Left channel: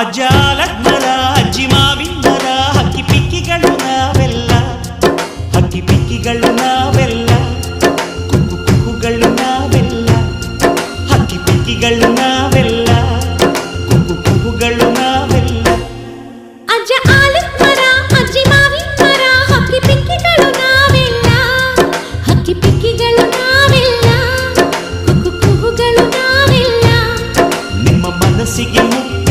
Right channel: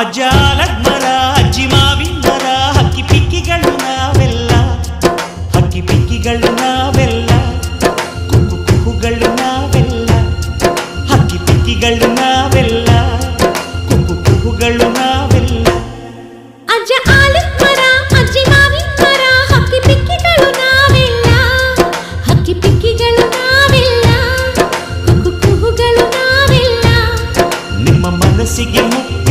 ಅಜ್ಜ ಆಲದ ಅಜ್ಜಿ ಮಾವಿನ ಮರ ಹಕ್ಕಿ ಪಿಕ್ಕಿಗಳು ನಾವೆಲ್ಲ, ಹಕ್ಕಿ ಪಿಕ್ಕಿಗಳು ನಾವೆಲ್ಲ, ಕುಕ್ಕು ಕುಹುಗಳು ನಾವೆಲ್ಲ, ಹಕ್ಕಿ ಪಿಕ್ಕಿಗಳು ನಾವೆಲ್ಲ, ಕುಕ್ಕು ಕುಹುಗಳು ನಾವೆಲ್ಲ. ಅಜ್ಜ ಆಲದ ಮರ ಅಜ್ಜಿ ಮಾವಿನ ಮರ ಹಕ್ಕಿ ಪಿಕ್ಕಿಗಳು ನಾವೆಲ್ಲ, ಹಕ್ಕಿ ಪಿಕ್ಕಿಗಳು ನಾವೆಲ್ಲ, ಕುಕ್ಕು ಕುಹುಗಳು ನಾವೆಲ್ಲ. ನಿಮ್ಮ ಮನಸ್ಸಿಗೆ ಮುಕ್ತ